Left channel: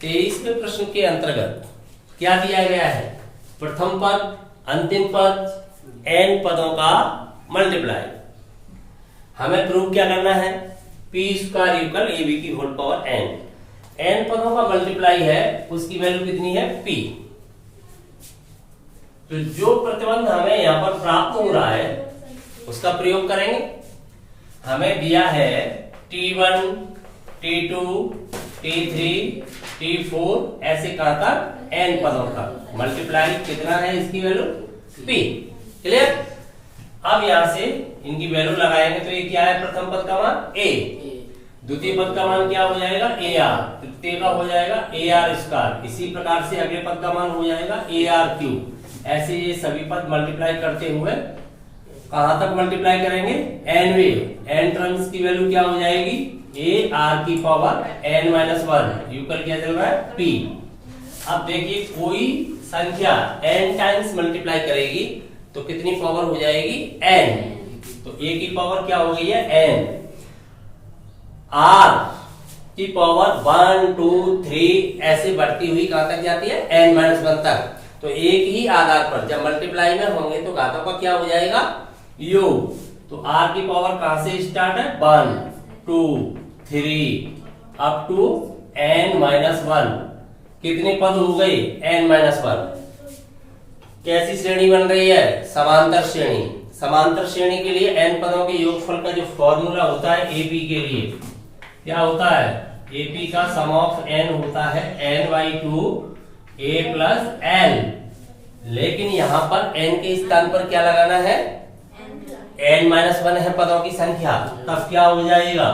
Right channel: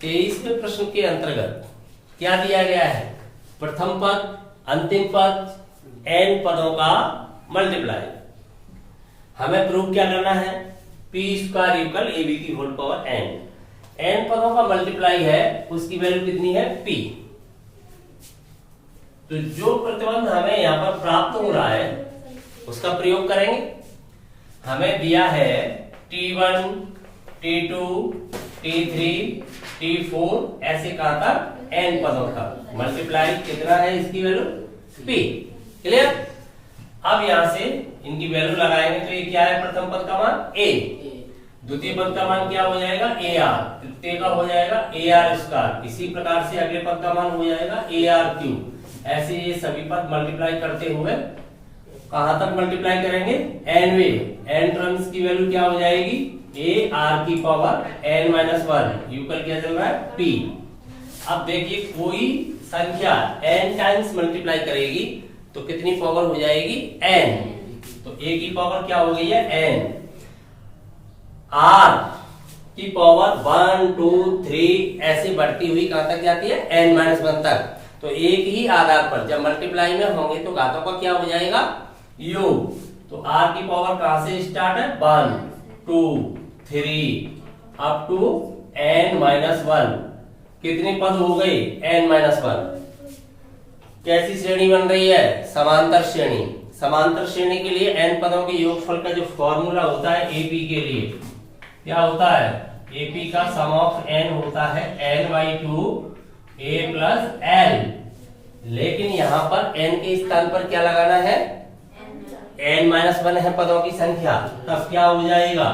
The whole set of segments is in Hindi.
23वें प्रश्न के अंतर्गत क्या दिया गया है? प्रथम पद, अंतिम पद, एन पदों का मल्टीप्लाई। हमें प्रूव क्या करना है? P square equal A B की होल पावर एन। एन पदों का मल्टीप्लाई है, उसकी वैल्यू कितनी है? पी। तो जो प्रतिबंध हमें यहां पर प्राप्त हो रहा है उसका प्रयोग करेंगे। हमें दिया है T1, T2, T3, T4 ऐसे कहां तक? n पदों का मल्टीप्लाई कितना है? इसकी वैल्यू p। क्लियर? अब यहां से इनकी वैल्यू लगाएंगे तो ये क्या है? प्रथम पद का मान a, द्वितीय पद का मान क्या हो जाएगा? ar, तृतीय का हो जाएगा ar स्क्वायर। इसी प्रकार से अगले पद का मान हो जाएगा ar क्यूब। ऐसे ये सभी पद मल्टीप्लाई करते हुए कहां तक मल्टीप्लाई करेंगे? n वे। n टर्म्स की वैल्यू क्या हो जाएगी? a r की पावर n माइनस 1 यूकल क्या चल रहा है? p। अब देखिए कोई संख्या n टाइम्स मल्टीप्लाई करेगी तो कितनी पावर हो जाएगी? n। तो a की पावर क्या हो गई है? n। r की पावर 1, 2, 3 ऐसे बढ़ती हुई कहां तक जाती है? n माइनस 1 तक। तो एक ही आधार पर जब मल्टीप्लाई में होंगे तो घातों का क्या हो जाएगा? योग। तो r की पावर कहां से स्टार्ट है? 1, 2, 3 अप टू n माइनस 1। कितने पद हो गए? n minus 1। कैसी श्रेणी बन रही है? समांतर श्रेणी। समांतर श्रेणी के लिए n पदों के योगफल का जो फॉर्मूला होता है AP के लिए क्या होता है? AP का सम ऑफ n होता है n/2 a प्लस l। लेकिन यहां पर n के स्थान पर क्या लगाना है? n माइनस 1 है पदों की संख्या, तब क्या हो जाएगा?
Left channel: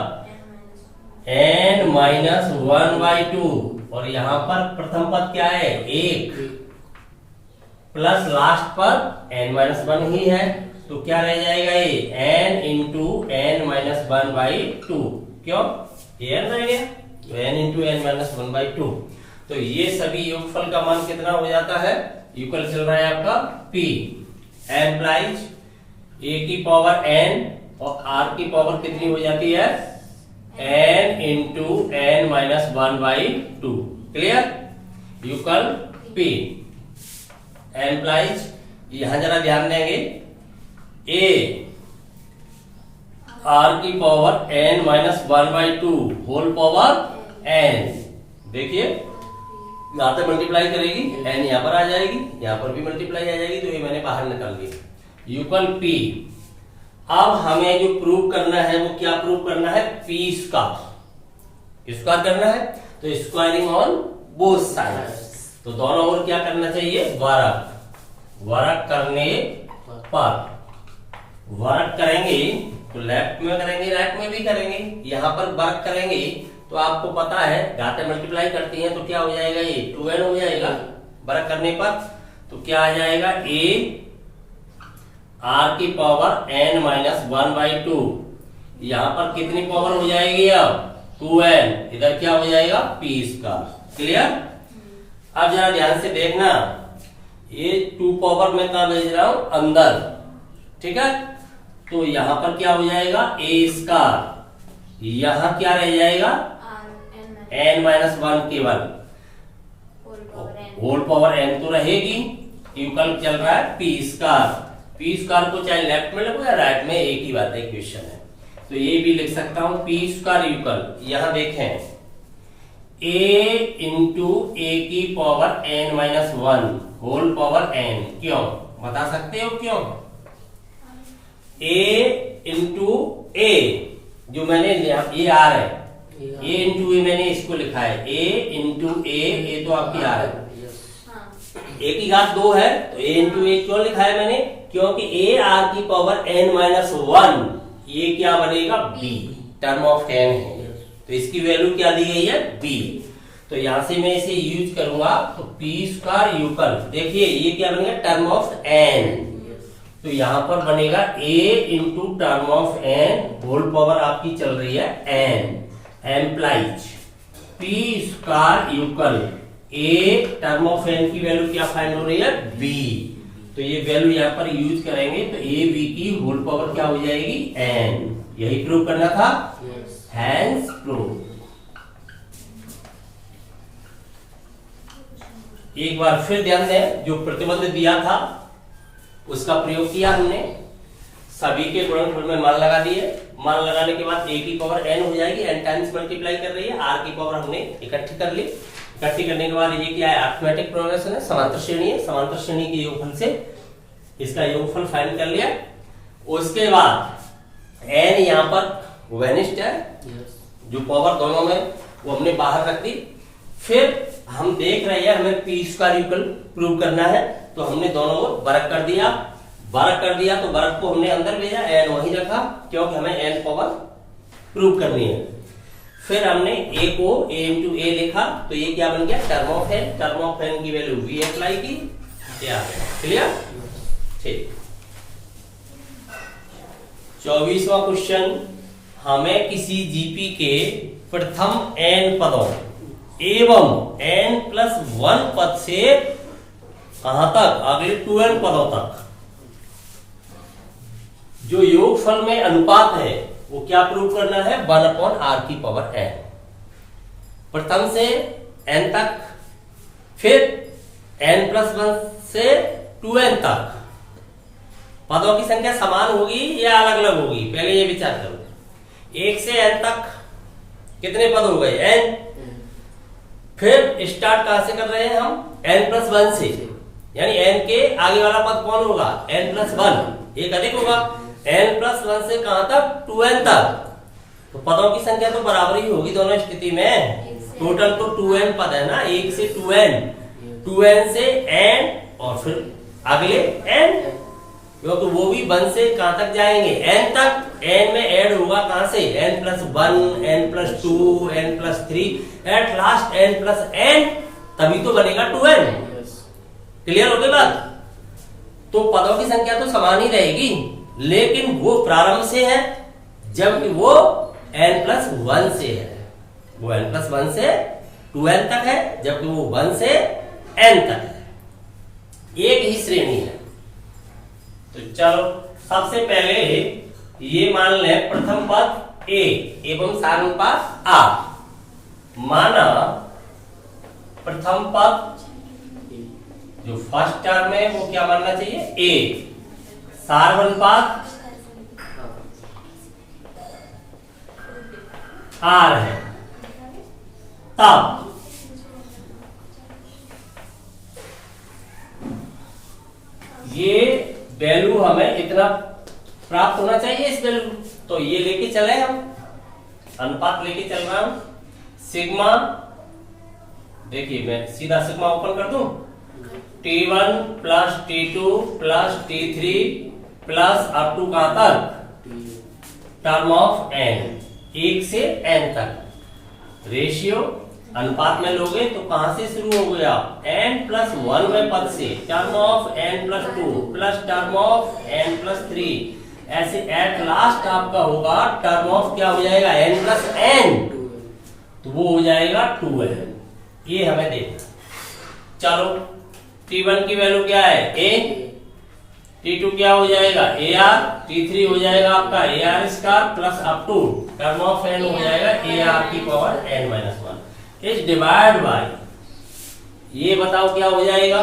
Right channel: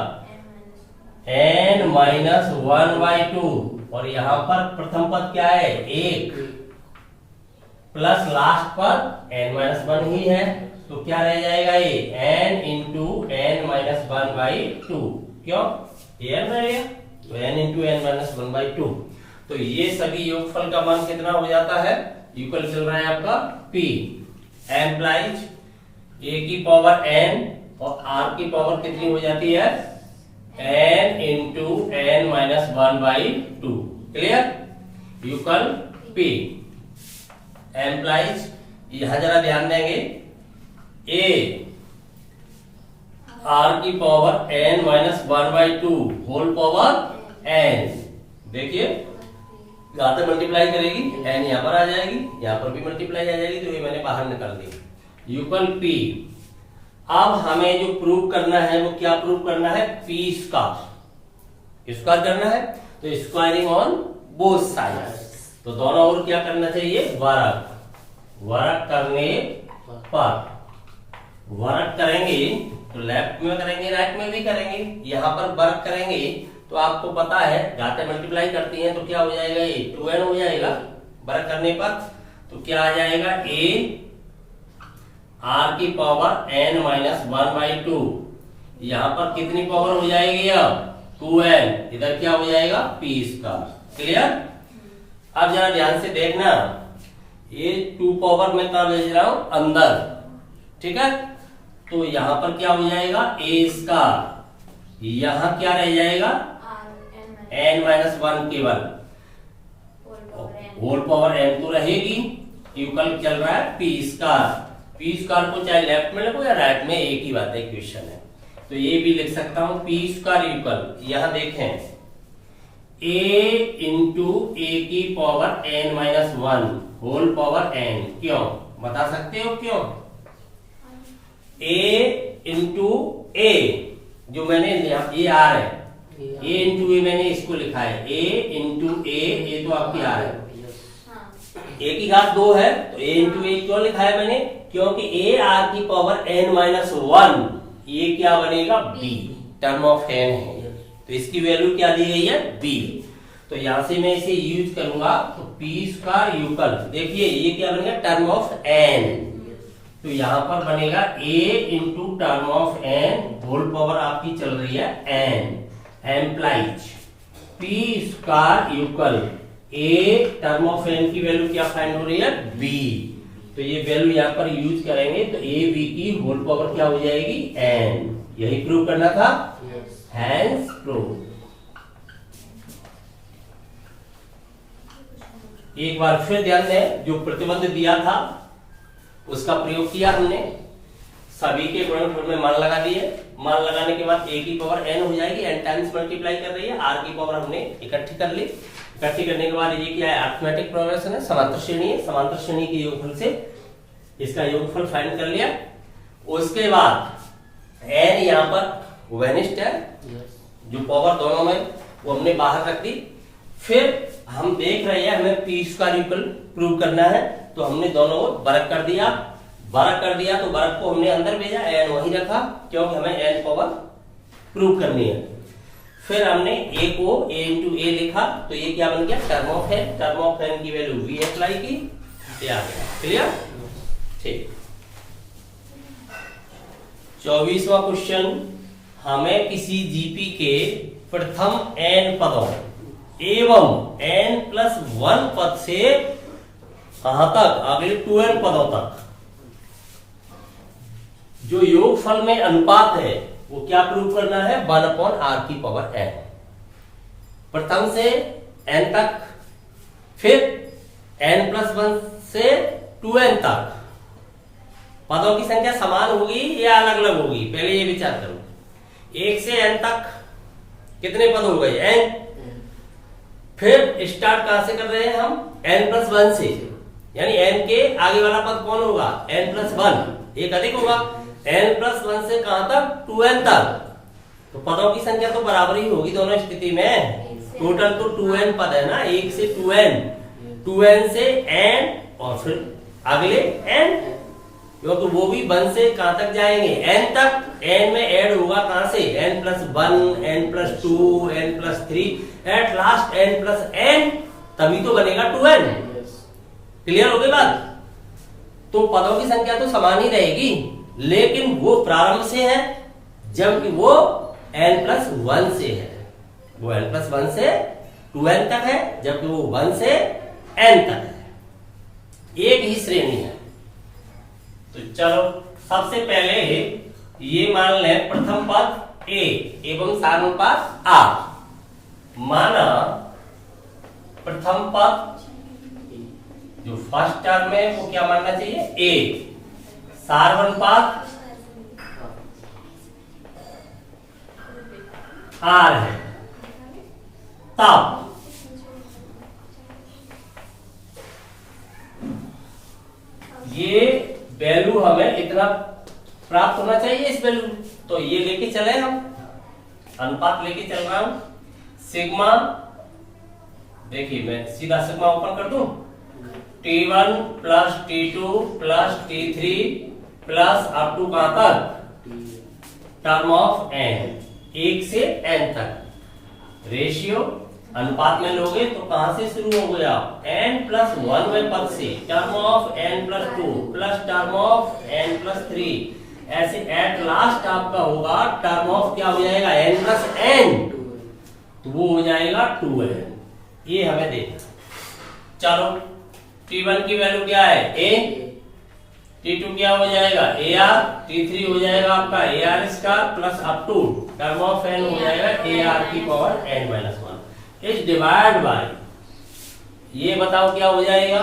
n minus 1/2। और यहां पर प्रथम पद क्या है? 1 प्लस लास्ट पर n माइनस 1 ही है, तो क्या रह जाएगा? ये n इंटू n माइनस 1/2। क्यों? n रह गया, तो n इंटू n माइनस 1/2। तो ये सभी योगफल का मान कितना हो जाता है? इक्वल चल रहा है आपका p एम्प्लाइज a की पावर n और r की पावर कितनी हो जाती है? n into n minus 1/2। Clear? Equal p implies. यहां जरा ध्यान देंगे, a r की power n minus 1/2 whole power n। देखिए यहां तक मल्टीप्लाई करेगी, n यहां पर आ जाएगी, यहां पर भी मल्टीप्लाई आ जाएगी, तो ये मैंने बाहर निकाल दी। Equal p। अब हमें जो प्रूव करना है वो क्या प्रूव करना है? p स्क्वायर करना है, तो स्क्वायरिंग ऑन बोथ साइड्स। तो दोनों ओर क्या करना चाहिए? वर्क करने पर। वर्क करेंगे तो लेफ्ट में करेंगे, राइट में भी करेंगे। यहां पर वर्क करेंगे तो आपको पता है घातें मल्टीप्लाई करती हैं तो क्या हो जाएगा? ये 2n हो जाएगा वर्क करने पर। तो क्या आ जाएगा? a r की पावर n माइनस 1/2। यहां पर कितनी पावर हो जाएगी? अब 2n। इधर क्या हो जाएगा? p square. क्लियर? अब जरा ध्यान से देखना, ये 2 पावर में कहां भेज रहा हूं? अंदर। ठीक है? तो यहां पर क्या हो जाएगा? a square. यहां क्या रह जाएगा? n माइनस 1 केवल। होल पावर n तो रहेगी, इक्वल चल रहा है p स्क्वायर। p स्क्वायर को चाहे लेफ्ट में लगो या राइट में, एक ही बात है, क्वेश्चन है। तो ये भी लिख सकता हूं p स्क्वायर इक्वल, यहां देखें a इंटू a की power n minus 1 whole power n। क्यों? बता सकते हो क्यों? a इंटू a जो मैंने ये r है, a इंटू ए मैंने इसको लिखा है, a इंटू ए तो आपकी r है, a की घात 2 है तो a इंटू ए क्यों लिखा है मैंने? क्योंकि a r की पावर n माइनस 1 ये क्या बनेगा? b टर्म ऑफ n है, तो इसकी वैल्यू क्या दी गई है? b। तो यहां से मैं इसे यूज करूंगा तो p स्क्वायर इक्वल, देखिए ये क्या बनेगा? Term of n। तो यहां पर बनेगा a into term of n whole power आपकी चल रही है n implies p square equal a term of n की वैल्यू क्या फाइंड हो रही है? b। तो ये वैल्यू यहाँ पर यूज करेंगे तो a b की होल पावर क्या हो जाएगी? n। यही प्रूव करना था, हैंस प्रूव। एक बार फिर ध्यान दें, जो प्रतिबंध दिया था उसका प्रयोग किया हमने, सभी के गुणनफल में मान लगा दिए। मान लगाने के बाद a की पावर n हो जाएगी, n टाइम्स मल्टीप्लाई कर रही है, r की पावर हमने इकट्ठी कर ली। इकट्ठी करने के बाद ये क्या है, अरिथमेटिक प्रोग्रेशन है, समांतर श्रेणी है। समांतर श्रेणी के योगफल से इसका योगफल फाइंड कर लिया। उसके बाद n यहाँ पर वेनिस्ट है, जो पावर दोनों में वो हमने बाहर रख दी। फिर हम देख रहे हैं हमें p स्क्वायर इक्वल प्रूव करना है, तो हमने दोनों को वर्ग कर दिया। वर्ग कर दिया तो वर्ग को हमने अंदर भेजा, n वही रखा क्योंकि हमें n पावर प्रूव करनी है। फिर हमने a को a इंटू a लिखा, तो ये क्या बन गया, term of n। Term of n की वैल्यू v अप्लाई की, क्लियर। ठीक, 24वां क्वेश्चन, हमें किसी जीपी के प्रथम n पदों एवं n+1 पद से कहां तक, अगले 2n पदों तक जो योगफल में अनुपात है वो क्या प्रूव करना है, 1/r की पावर n। प्रथम से n तक, फिर n+1 से 2n तक पदों की संख्या समान होगी या अलग अलग होगी, पहले ये विचार करो। 1 से n तक कितने पद हो गए, n। फिर स्टार्ट कहां से कर रहे हैं हम, n+1 से, यानी n के आगे वाला पद कौन होगा, n+1, एक अधिक होगा। n+1 से कहां तक, 2n तक। तो पदों की संख्या तो बराबर ही होगी दोनों स्थिति में। टोटल तो 2n पद है ना, 1 से 2n, 2n से n और फिर अगले n, क्योंकि वो भी 1 से कहां तक जाएंगे, n तक। n में ऐड होगा कहां से, n+1, n+2, n+3, at last n+n, तभी तो बनेगा 2n। क्लियर हो गई बात। तो पदों की संख्या तो समान ही रहेगी, लेकिन वो प्रारंभ से है, जबकि वो n+1 से है। वो n+1 से 2n तक है, जबकि वो 1 से n तक है। एक ही श्रेणी है। तो चलो सबसे पहले ये मान लें, प्रथम पद a एवं सारानुपात r। माना प्रथम पद जो फर्स्ट टर्म है वो क्या मानना चाहिए, a। सारानुपात r है। तब ये वैल्यू हमें इतना प्राप्त होना चाहिए, इस वैल्यू, तो ये लेके चले हम, अनुपात लेके चल रहा हूं। सिग्मा, देखिए मैं सीधा सिग्मा ओपन कर दूं, T1 plus T2 plus T3 plus up to कहां तक, टर्म ऑफ n, 1 से n तक। रेशियो अनुपात में लोगे तो कहां से शुरू हो गया, n+1 में पद से, term of n+2 plus term of n+3, ऐसे एट लास्ट आपका होगा टर्म ऑफ क्या हो जाएगा, n+n, तो वो हो जाएगा 2n। ये हमें देखना। चलो T1 की वैल्यू क्या है, a, T2 क्या हो जाएगा, AR, T3 हो जाएगा आपका AR square plus up to term of n हो जाएगा AR की पावर n-1 इस डिवाइड बाय, ये बताओ क्या हो जाएगा।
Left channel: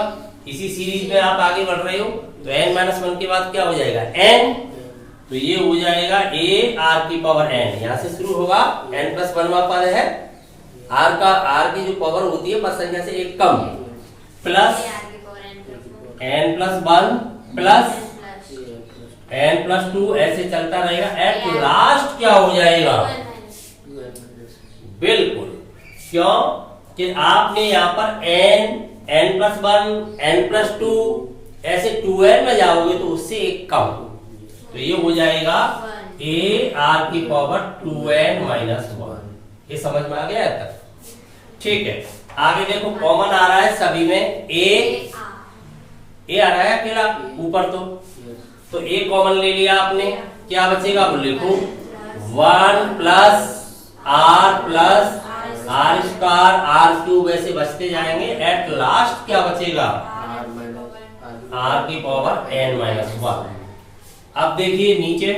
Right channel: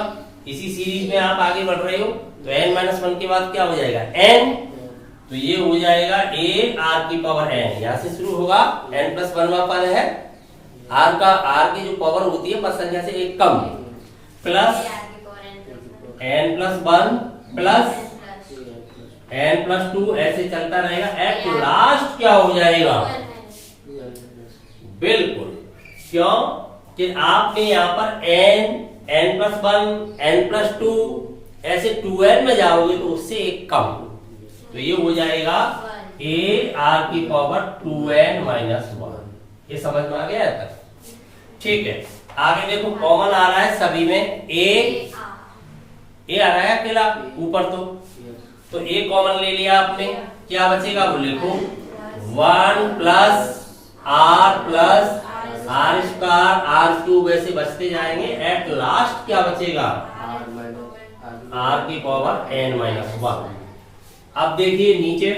इसी सीरीज में आप आगे बढ़ रहे हो, तो n-1 के बाद क्या हो जाएगा, n, तो ये हो जाएगा AR की पावर n। यहां से शुरू होगा, n+1 पद है, r की जो पावर होती है पद संख्या से एक कम, प्लस n+1 प्लस n+2, ऐसे चलता रहेगा। एट लास्ट क्या हो जाएगा, बिल्कुल, क्यों कि आपने यहाँ पर n+1, n+2, ऐसे 2n में जाओगे तो उससे एक कम, तो ये हो जाएगा AR की पावर 2n-1। ये समझ में आ गया तक, ठीक है। आगे देखो, कॉमन आ रहा है सभी में, a आ रहा है अकेला ऊपर, तो a कॉमन ले लिया आपने, क्या बचेगा वो लिखो, 1 प्लस r स्क्वायर r3 ऐसे बचते जाएंगे। एट लास्ट क्या बचेगा, r की पावर n-1। अब देखिए नीचे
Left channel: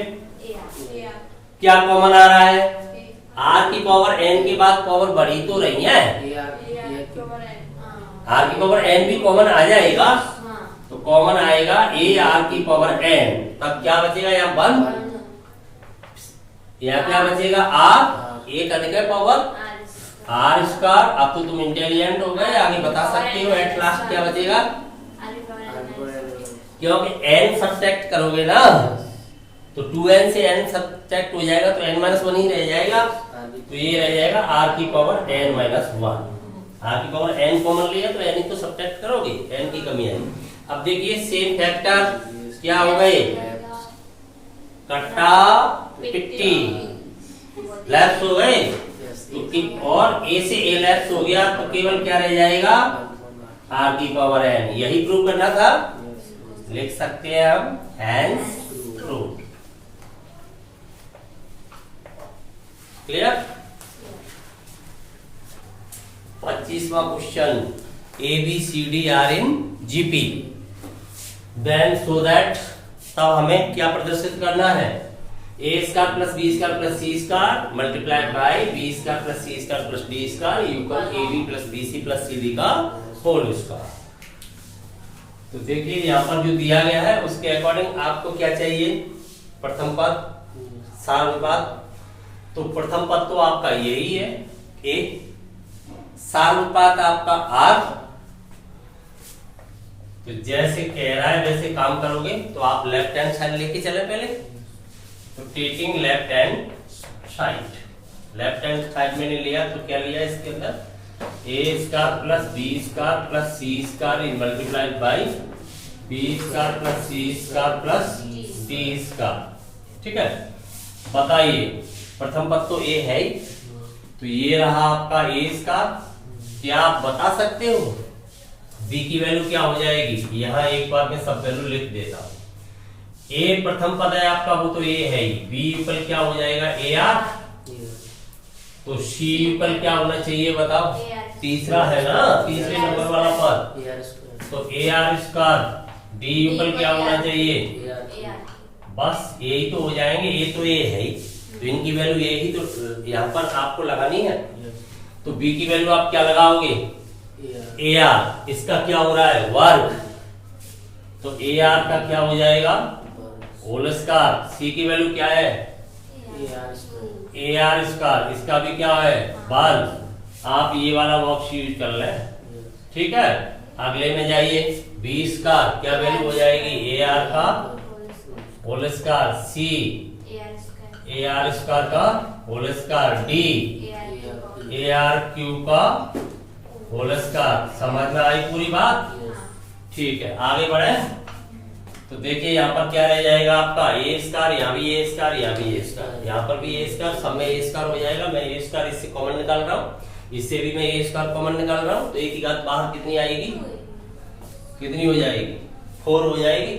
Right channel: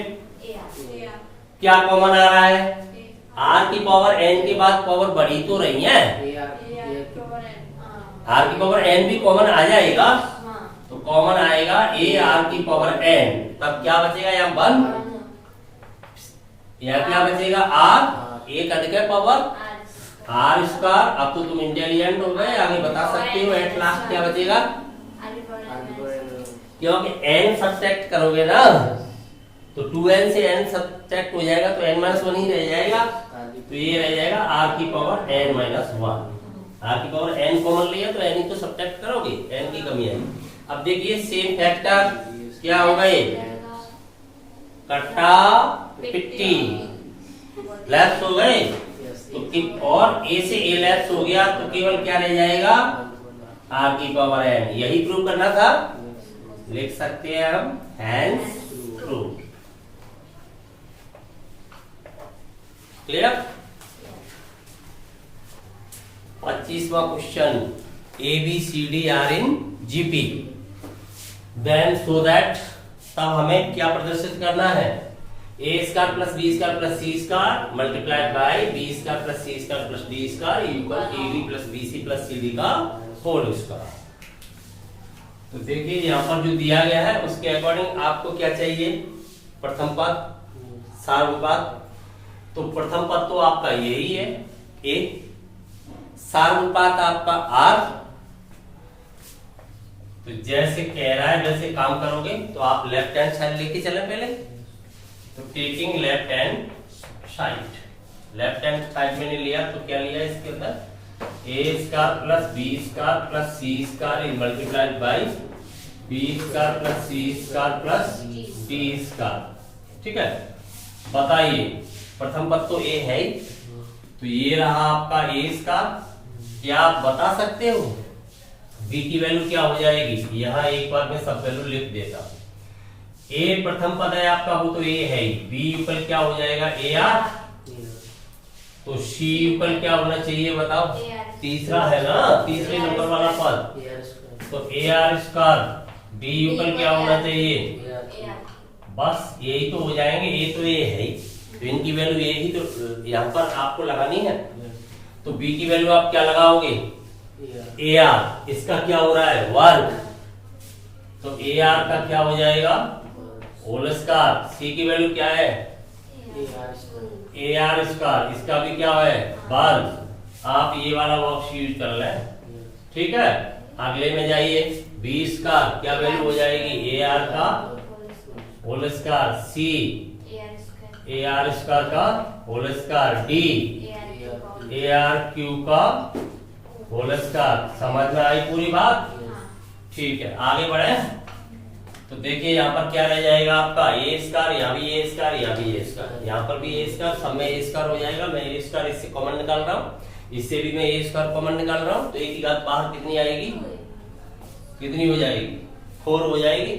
क्या कॉमन आ रहा है, r की पावर n के बाद पावर बढ़ी तो रही है, आर की पावर एन भी कॉमन आ जाएगा, तो कॉमन आएगा ए आर की पावर एन, तब क्या बचेगा यहाँ 1, यहाँ क्या बचेगा आर, ए कट के पावर आर स्क्वायर। अब तो तुम इंटेलिजेंट हो गए, आगे बता सकते हो एट लास्ट क्या बचेगा, क्योंकि n सब्ट्रैक्ट करोगे ना तो 2n से n सब्ट्रैक्ट हो जाएगा तो n-1 ही रह जाएगा, तो ये रह जाएगा r की पावर n-1। r की पावर n कॉमन लिया तो n ही तो सब्ट्रैक्ट करोगे, n की कमी आएगी। अब देखिए सेम फैक्टर क्या हो गए, कट्टा पिट्टी लेफ्ट हो गए, तो और a से a लेफ्ट हो गया तो केवल क्या रह जाएगा r की पावर n। यही प्रूव करना था, लिख सकते हैं हम हैंस प्रूव। क्लियर। 25वां question, ABCD are in GP, then so that, तब हमें क्या प्रदर्शित करना है, A square plus B square plus C square multiplied by B square plus C square plus D square equal A B plus B C plus C D का होल स्क्वायर। तो देखिए यहाँ पर जो दिया गया है उसके अकॉर्डिंग आपको क्या चाहिए, प्रथम पद सारानुपात, तो प्रथम पद तो आपका यही है ए, सारानुपात आपका आर। तो जैसे कह रहा है वैसे काम करोगे तो आप लेफ्ट हैंड साइड लेके चले पहले, तो taking left hand side, left hand side में नहीं लिया तो क्या लिया इसके अंदर, A square plus B square plus C square multiplied by B square plus C square plus D square. ठीक है, बताइए प्रथम पद तो ए है ही, तो ये रहा आपका ए स्क्वायर। क्या आप बता सकते हो बी की वैल्यू क्या हो जाएगी, यहाँ एक बार में सब वैल्यू लिख देता हूं। ए प्रथम पद है आपका, वो तो ए है ही, बी यूपल क्या हो जाएगा ए आर, तो सी यूपल क्या होना चाहिए बताओ, तीसरा है ना, तीसरे नंबर वाला पद, तो ए आर स्क्वायर, डी यूपल क्या होना चाहिए, बस यही तो हो जाएंगे, ये तो ए है ही, तो इनकी वैल्यू यही तो यहाँ पर आपको लगानी है। तो बी की वैल्यू आप क्या लगाओगे, ए आर, इसका क्या हो रहा है वर्ग, तो ए आर का क्या हो जाएगा होल स्क्वायर। सी की वैल्यू क्या है ए आर स्क्वायर, इसका भी क्या है वर्ग। आप ये वाला बॉक्स यूज कर लें। ठीक है, अगले में जाइए, बी स्क्वायर क्या वैल्यू हो जाएगी ए आर का whole square, C A R square का whole square, D A R Q का होल स्क्वायर। समझ में आई पूरी बात। ठीक है, आगे बढ़े तो देखिए यहाँ पर क्या रह जाएगा आपका ए स्क्वायर, यहाँ भी ए स्क्वायर, यहाँ भी ए स्क्वायर, यहाँ पर भी ए स्क्वायर, सब में ए स्क्वायर हो जाएगा। मैं ए स्क्वायर इससे कॉमन निकाल रहा हूँ, इससे भी मैं ए स्क्वायर कॉमन निकाल रहा हूँ, तो एक की घात बाहर कितनी आएगी, कितनी हो जाएगी 4 हो जाएगी।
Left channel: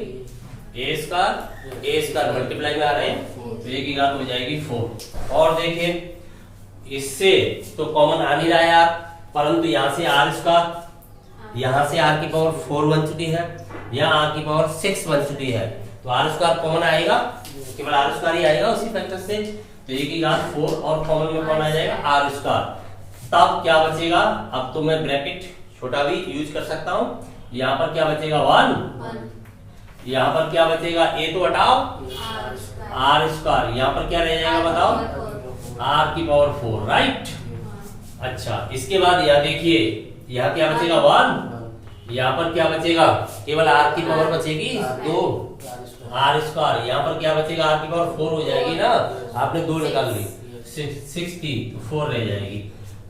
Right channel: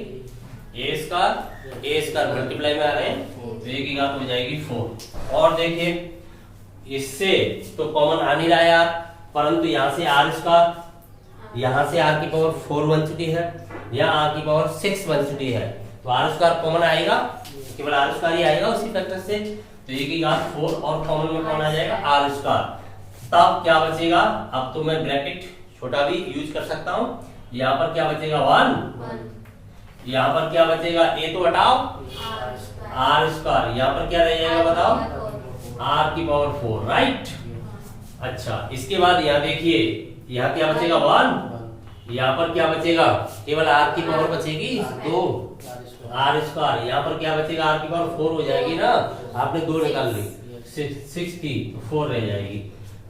ए स्क्वायर मल्टीप्लाई में आ रहे हैं तो एक की घात हो जाएगी 4। और देखिए इससे तो कॉमन आ नहीं रहा है यार, परंतु यहाँ से आर स्क्वायर, यहाँ से आर की पावर 4 बन चुकी है, यहाँ आर की पावर 6 बन चुकी है, तो आर स्क्वायर कॉमन आएगा, केवल आर स्क्वायर ही आएगा उसी फैक्टर से, तो एक की घात 4 और कॉमन में कौन आ जाएगा आर स्क्वायर। तब क्या बचेगा, अब तो मैं ब्रैकेट छोटा भी यूज कर सकता हूँ। यहाँ पर क्या बचेगा 1, यहाँ पर क्या बचेगा ए तो हटाओ आर स्क्वायर, यहाँ पर क्या रह जाएगा बताओ आर की पावर 4, राइट। अच्छा, इसके बाद यहाँ देखिए यहाँ क्या बचेगा 1, यहाँ पर क्या बचेगा केवल आर की पावर बचेगी 2 आर स्क्वायर, यहाँ पर क्या बचेगा आर की पावर 4 हो जाएगी ना, आपने 2 निकाल ली 6 की, तो 4 रह जाएगी।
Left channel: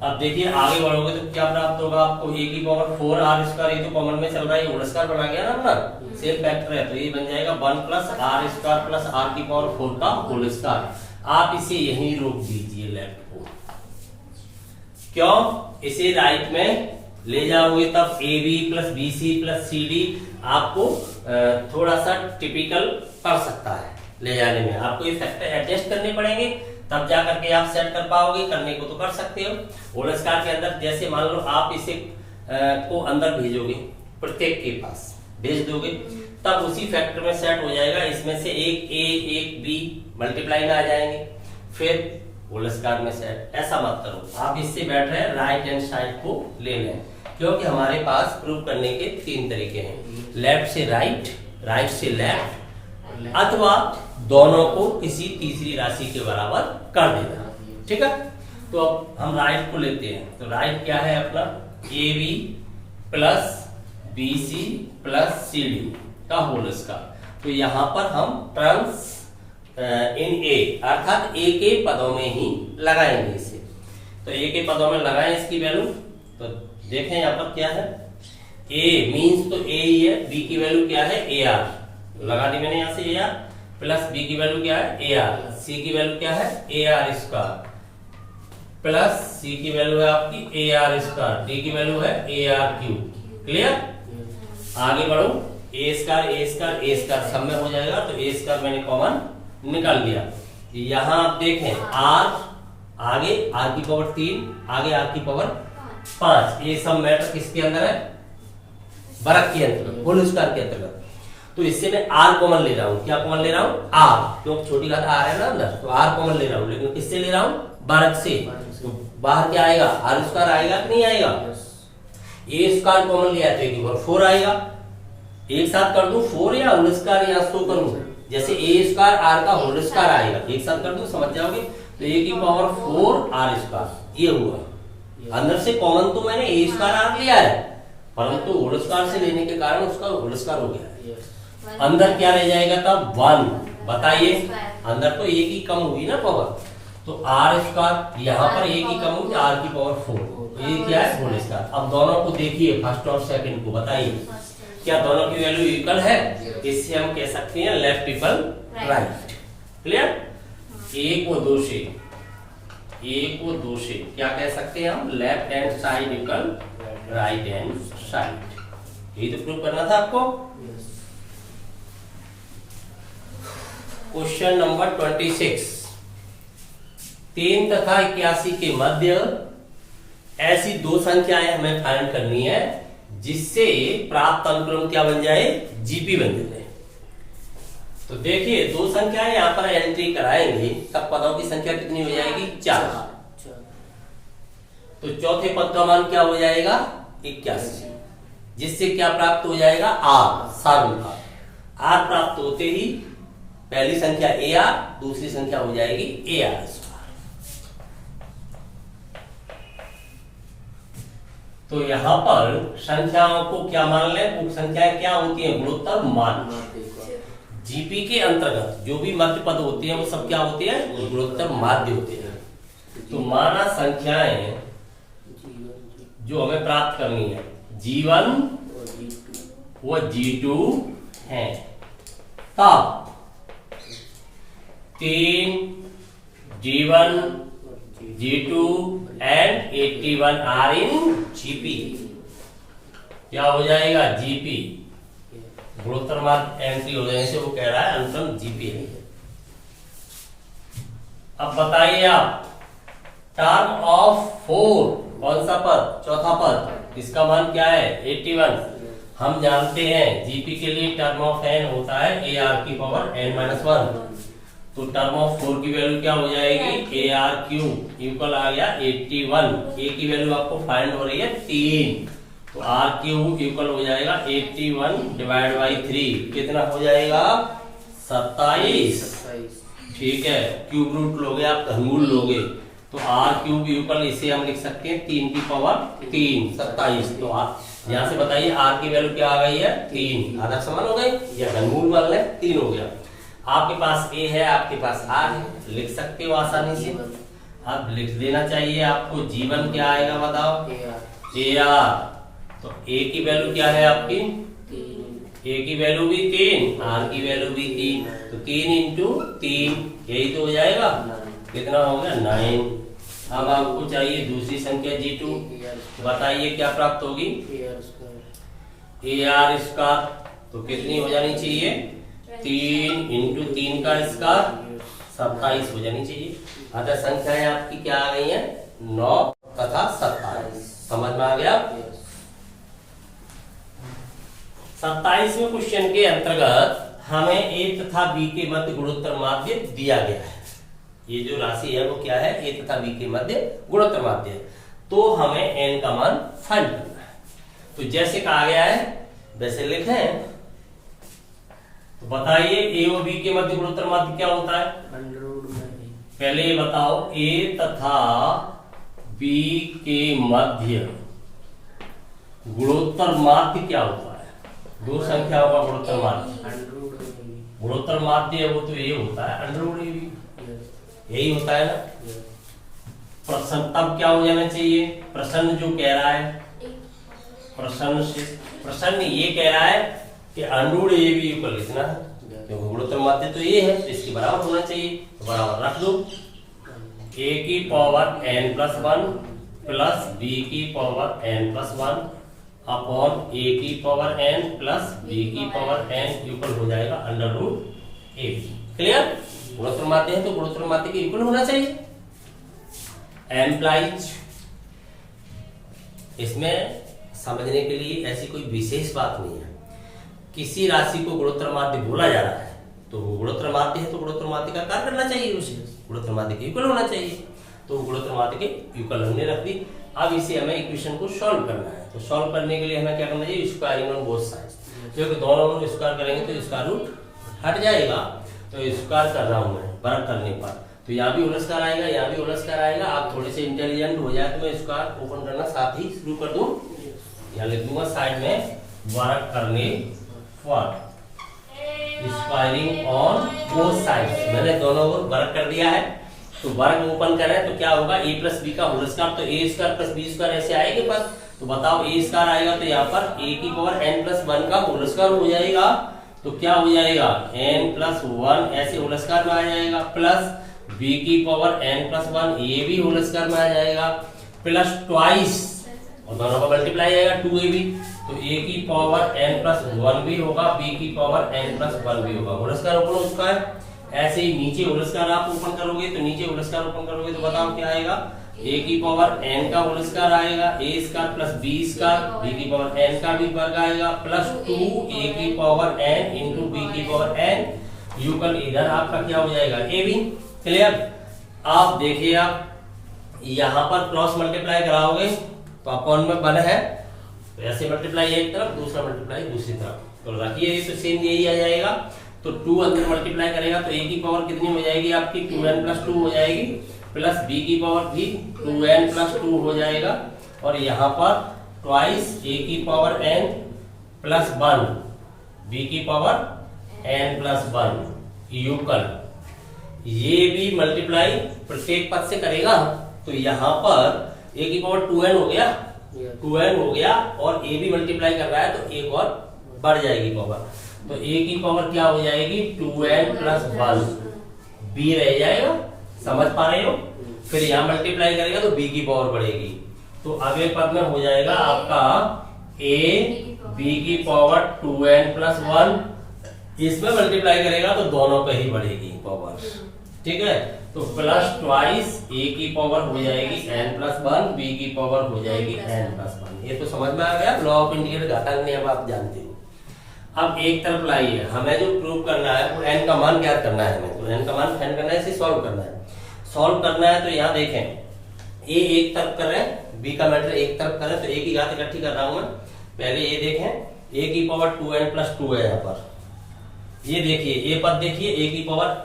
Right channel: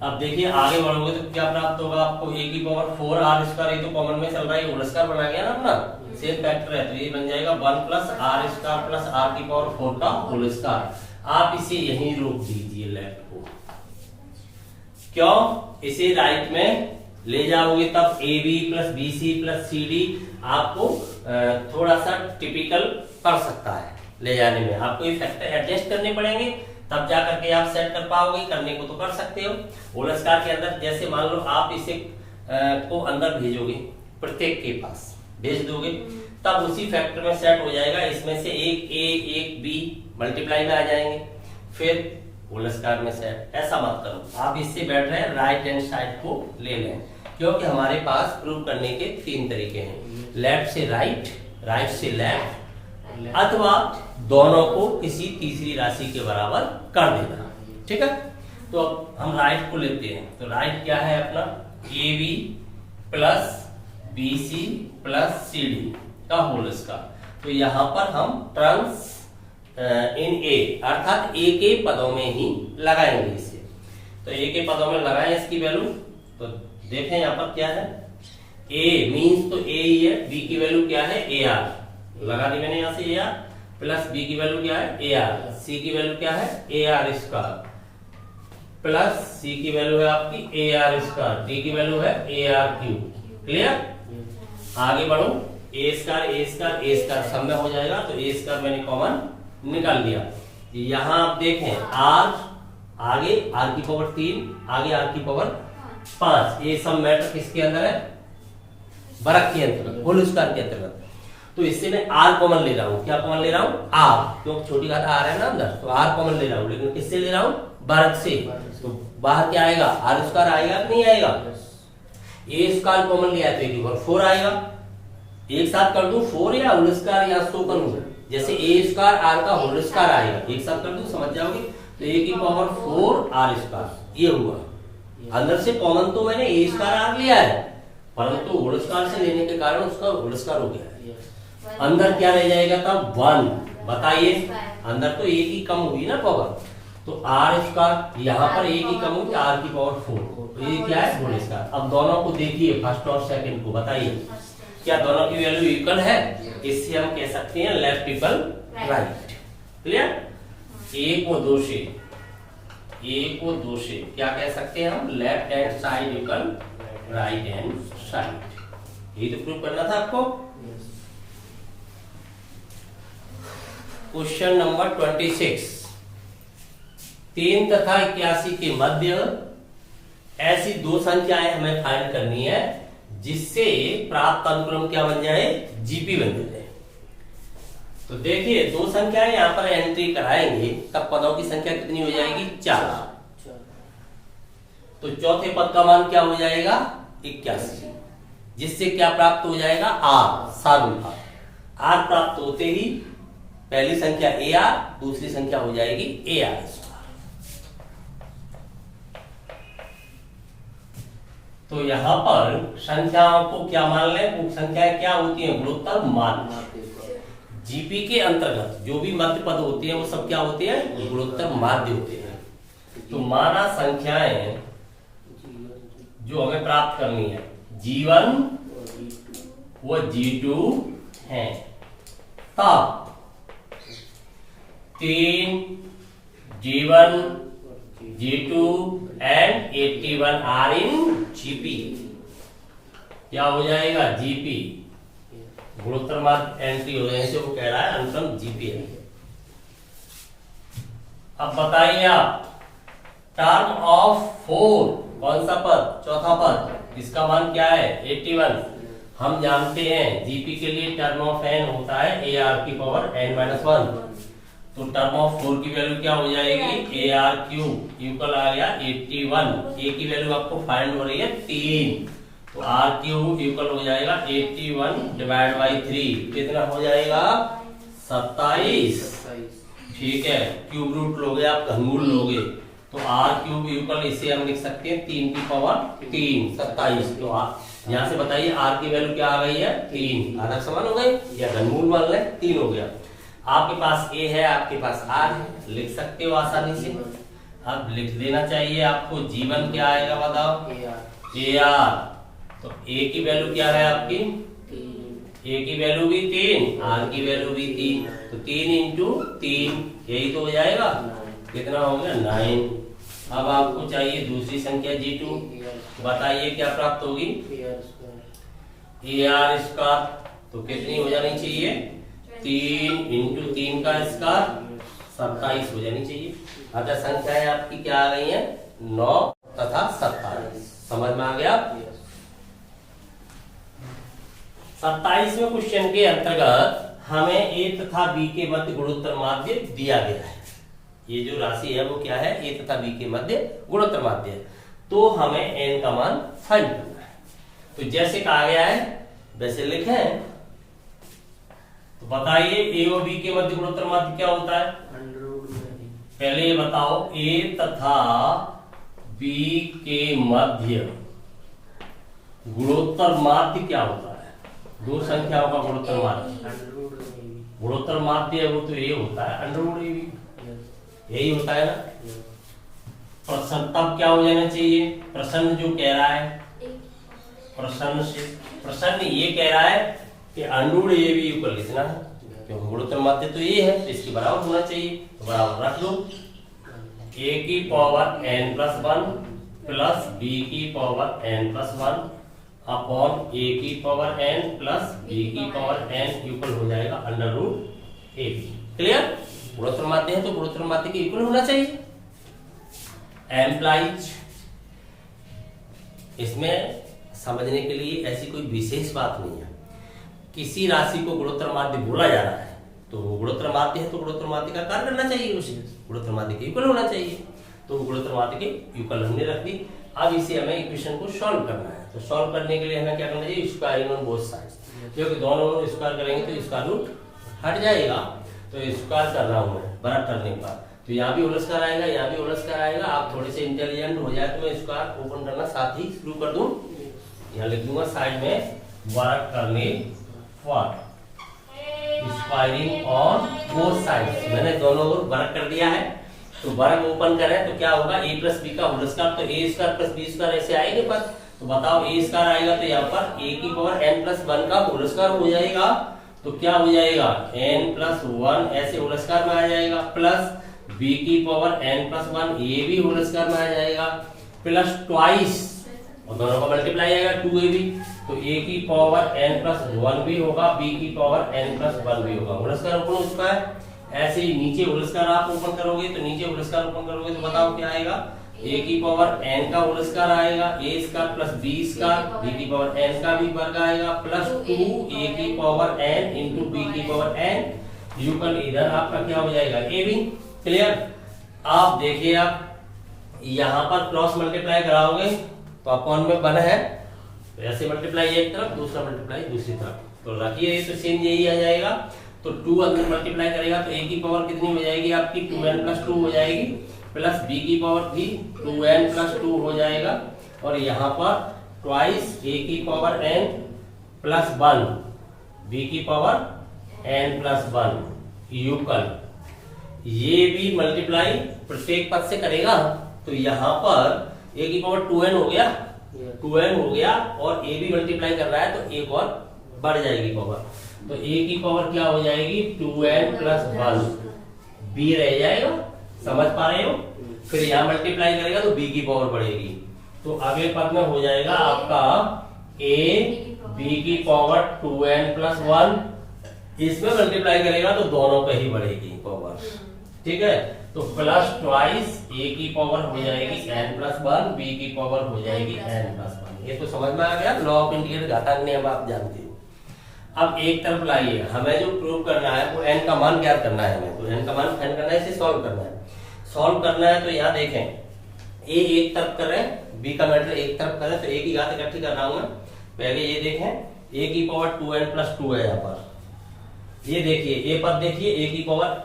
अब देखिए आगे बढ़ोगे तो क्या प्राप्त होगा आपको, ए की पावर 4 आर स्क्वायर, ये तो कॉमन में चल रहा है, होल स्क्वायर बना गया ना अपना, सेम फैक्टर है, तो ये बन जाएगा 1 plus R square plus R की पावर 4 का होल स्क्वायर। आप इसे यहीं रोक दीजिए लेफ्ट को, क्यों, इसे राइट में ले जाओगे तब A B plus B C plus C D आपको थोड़ा सा टिपिकल कर सकता है ले जाने में, आपको ये फैक्टर एडजस्ट करने पड़ेंगे तब जा करके आप सेट कर पाओगे। करने को तो कर सकते हो, होल स्क्वायर के अंदर जैसे मान लो आप इसे को अंदर भेजोगे, प्रत्येक के पास भेज दोगे, तब उसी फैक्टर में सेट हो जाएगा, इसमें से एक ए एक बी मल्टीप्लाई में आ जाएंगे, फिर होल स्क्वायर में सेट। ऐसा मत करो, आप इससे बैठ रहे हैं राइट हैंड साइड को ले लें, क्योंकि हमारे पास प्रूव करने के 3 तरीके हैं, लेफ्ट से राइट, राइट से लेफ्ट, अथवा दोनों को किसी तीसरी राशि के बराबर कर देना। ठीक है, तो अब हम राइट को लेते हैं। तो राइट क्या है अपना, A B plus B C plus C D का होल स्क्वायर। तो यहाँ पर हम टर्म्स इन ए अर्थात ए के पदों में ही लगाएंगे इसे। तो ए के पदों में लगाएं इसकी वैल्यू। तो देखें यहाँ पर क्या है, ए मीन्स तो ए ही है, बी की वैल्यू क्या है ए आर, लगा दी मैंने यहाँ से ए आर, प्लस बी की वैल्यू क्या है ए आर, सी की वैल्यू क्या है ए आर स्क्वायर, प्लस सी की वैल्यू है आपकी ए आर स्क्वायर, डी की वैल्यू है ए आर क्यूब। क्लियर, आगे बढ़ो, ए स्क्वायर सब में हो जाएगा। तो ए स्क्वायर मैंने कॉमन निकाल लिया। यहाँ आप देखें आर, आगे आर की पावर 3, आगे आर की पावर 5, ये सब मैटर किसके अंदर है, बरक के अंतर्गत, होल स्क्वायर के अंतर्गत। तो इससे मैं आर कॉमन ले रहा हूँ। क्या कॉमन ले रहा हूँ, आर, क्योंकि छोटी घात आर है ना अंदर, तो आर कॉमन ले रहा हूँ। लेकिन किससे ले रहा हूँ, बरक से। तो बाहर क्या आएगा, आर स्क्वायर आएगा कि नहीं आएगा, ए स्क्वायर कॉमन लिया है 4 आएगा। एक साथ कर दूं 4 या होल स्क्वायर या सो करूं, जैसे ए स्क्वायर आर का होल स्क्वायर आएगा, एक साथ कर दूं समझ जाओगे। तो ए की पावर 4 आर स्क्वायर ये हुआ। अंदर से कॉमन तो मैंने ए स्क्वायर आर लिया है, परंतु होल स्क्वायर से लेने के कारण उसका होल स्क्वायर हो गया। अंदर क्या रह जाएगा तब 1, बताइए, अंदर तो ए की कम हुई ना पावर, तो आर स्क्वायर, यहाँ पर ए की कम हुई आर की पावर 4, ये क्या है होल स्क्वायर। अब दोनों को देखिए, फर्स्ट और सेकंड को, बताइए क्या दोनों की वैल्यू इक्वल है, इससे हम कह सकते हैं लेफ्ट इक्वल राइट। क्लियर, एक व दो से, एक व दो से क्या कह सकते हैं हम, left hand side equal right hand side. यही तो प्रूव करना था आपको। क्वेश्चन नंबर 26, 3 तथा 81 के मध्य ऐसी 2 संख्याएं हमें फाइंड करनी है जिससे प्राप्त अनुक्रम क्या बन जाए, जीपी बन जाए। तो देखिए 2 संख्याएं यहां पर एंट्री कराएंगे, तब पदों की संख्या कितनी हो जाएगी, 4। तो चौथे पद का मान क्या हो जाएगा, 81, जिससे क्या प्राप्त हो जाएगा, आर, सारूंगा। आर प्राप्त होते ही पहली संख्या ए आर, दूसरी संख्या हो जाएगी ए आर स्क्वायर। तो यहाँ पर संख्याओं को क्या मान लें, वो संख्याएं क्या होती हैं, गुणोत्तर मान। जीपी के अंतर्गत जो भी मध्य पद होते हैं वो सब क्या होते हैं, गुणोत्तर माध्य होते हैं। तो माना संख्याएं जो हमें प्राप्त करनी है, G1 व G2 है, तब 3 G1 G2 and 81 are in GP। क्या हो जाएगा, GP, गुणोत्तर माध्य एंट्री हो जाने से वो कह रहा है अनुक्रम GP है। अब बताइए आप, टर्म ऑफ 4 कौन सा पद, चौथा पद, इसका मान क्या है, 81। हम जानते हैं GP के लिए टर्म ऑफ n होता है AR की पावर n-1। तो टर्म ऑफ 4 की वैल्यू क्या हो जाएगी, ए आर क्यूब इक्वल आ गया 81। ए की वैल्यू आपको फाइंड हो रही है 3, तो आर क्यूब इक्वल हो जाएगा 81 डिवाइड बाई 3, कितना हो जाएगा, 27। ठीक है, क्यूब रूट लोगे आप, घनमूल लोगे, तो आर क्यूब इक्वल इसे हम लिख सकते हैं 3 की पावर 3, 27। तो आप यहाँ से बताइए आर की वैल्यू क्या आ गई है, 3, आधा समान हो गई या घनमूल मान लें, 3 हो गया। आपके पास ए है, आपके पास आर है, लिख सकते हो आसानी से। अब लिख देना चाहिए आपको, जीवन क्या आएगा बताओ, ए आर। तो ए की वैल्यू क्या है आपकी, ए की वैल्यू भी 3, आर की वैल्यू भी 3, तो 3 इंटू 3 यही तो हो जाएगा, कितना हो गया 9। अब आपको चाहिए दूसरी संख्या G2, बताइए क्या प्राप्त होगी, ए आर स्क्वायर। तो कितनी हो जानी चाहिए, 3 इंटू 3 का स्क्वायर 27 हो जानी चाहिए। अगर संख्याएं आपकी क्या आ गई है, 9 तथा 27। समझ में आ गया। 27वें क्वेश्चन के अंतर्गत हमें ए तथा बी के मध्य गुणोत्तर माध्य दिया गया है। ये जो राशि है वो क्या है, ए तथा बी के मध्य गुणोत्तर माध्य है। तो हमें n का मान फाइंड करना है। तो जैसे कहा गया है वैसे लिखें। तो बताइए ए और बी के मध्य गुणोत्तर माध्य क्या होता है? पहले ये बताओ ए तथा बी के मध्य गुणोत्तर माध्य क्या होता है? दो संख्याओं का गुणोत्तर माध्य, गुणोत्तर माध्य है वो तो ये होता है अंडरवुड ए बी, यही होता है ना। प्रश्न तब क्या हो जाना चाहिए? प्रश्न जो कह रहा है, प्रश्न ये कह रहा है कि अंडरवुड ए बी ऊपर लिखना है, क्योंकि गुणोत्तर माध्य तो ये है तो इसके बराबर होना चाहिए। तो बराबर रख दो a की पावर n+1 प्लस b की पावर n+1 अपॉन a की पावर n प्लस b की पावर n इक्वल हो जाएगा अंडरवुड ए बी। क्लियर? गुणोत्तर माध्य है तो गुणोत्तर माध्य के इक्वल होना चाहिए। एम्प्लाइज, इसमें समझने के लिए ऐसी कोई विशेष बात नहीं है। किसी राशि को गुणोत्तर माध्य बोला जा रहा है तो वो गुणोत्तर माध्य है तो गुणोत्तर माध्य का कार्य करना चाहिए, उसे गुणोत्तर माध्य के इक्वल होना चाहिए। तो गुणोत्तर माध्य के इक्वल हमने रख दी। अब इसे हमें इक्वेशन को सॉल्व करना है। तो सॉल्व करने के लिए हमें क्या करना चाहिए? स्क्वायरिंग ऑन बोथ साइड्स, क्योंकि दोनों में स्क्वायर करेंगे तो स्क्वायर रूट हट जाएगा। तो स्क्वायर कर रहा हूं मैं बड़ा करने पर, तो यहाँ भी होल स्क्वायर आएगा, यहाँ भी होल स्क्वायर आएगा। आप थोड़े से इंटेलिजेंट हो जाए तो मैं स्क्वायर ओपन करना साथ ही शुरू कर दूं। यहाँ लिख दूंगा साइड में वर्क करने पर स्क्वायरिंग ऑन बोथ साइड्स। मैंने दोनों ओर वर्क कर दिया है। तो वर्क ओपन करें तो क्या होगा? a प्लस बी का होल स्क्वायर, तो a square plus B square ऐसे आएंगे पर। तो बताओ a स्क्वायर आएगा तो यहाँ पर a की पावर n+1 का होल स्क्वायर हो जाएगा। तो क्या हो जाएगा? n+1 ऐसे होल स्क्वायर में आ जाएगा, प्लस b की पावर n+1 ये भी होल स्क्वायर में आ जाएगा, प्लस ट्वाइस और दोनों का मल्टीप्लाई आएगा 2ab। तो a की पावर n+1 भी होगा, b की पावर n+1 भी होगा। होल स्क्वायर ओपन हो चुका है। ऐसे ही नीचे होल स्क्वायर आप ओपन करोगे तो नीचे होल स्क्वायर ओपन करोगे तो बताओ क्या आएगा? a की पावर n का होल स्क्वायर आएगा, a square plus b square, b की पावर n का भी वर्ग आएगा, प्लस 2a की पावर n इंटू b की पावर n यूकल इधर आपका क्या हो जाएगा? a b। क्लियर? आप देखिए, आप यहाँ पर क्रॉस मल्टीप्लाई कराओगे तो अपॉन में 1 है, तो ऐसे मल्टीप्लाई एक तरफ दूसरा मल्टीप्लाई दूसरी तरफ, तो रखिए तो सेम यही आ जाएगा। तो 2 अंदर मल्टीप्लाई करेगा तो a की पावर कितनी हो जाएगी आपकी? 2n+2 हो जाएगी, प्लस b की पावर भी 2n+2 हो जाएगा, और यहाँ पर ट्वाइस a की पावर n प्लस 1 b की पावर n+1 यूकल। ये भी मल्टीप्लाई प्रत्येक पद से करेगा तो यहाँ पर a की पावर 2n हो गया, 2n हो गया, और a भी मल्टीप्लाई कर रहा है तो एक और बढ़ जाएगी पावर। तो a की पावर क्या हो जाएगी? 2n+1 b रह जाएगा। समझ पा रहे हो? फिर यहाँ मल्टीप्लाई करेगा तो b की पावर बढ़ेगी। तो अगले पद में हो जाएगा आपका a b की पावर 2n+1, इसमें मल्टीप्लाई करेगा तो दोनों पे ही बढ़ेगी पावर। ठीक है? तो प्लस ट्वाइस a की पावर हो जाएगी n+1, b की पावर हो जाएगी n+1। ये तो समझ में आ गया। लॉ ऑफ इंटीग्रेट घातांक नियम आप जानते हो। अब एक तरफ लाइए, हमें जो प्रूव करना है वो n का मान ज्ञात करना है। हमें तो n का मान फाइंड करना है, इसे सॉल्व करना है। सॉल्व करना है तो यहाँ देखें, a एक तरफ करें, b का मैटर एक तरफ करें, तो a की घात इकट्ठी कर रहा हूं मैं। पहले ये देखें, a की पावर 2n+2 है यहाँ पर। ये देखिए a पद देखिए, a की पावर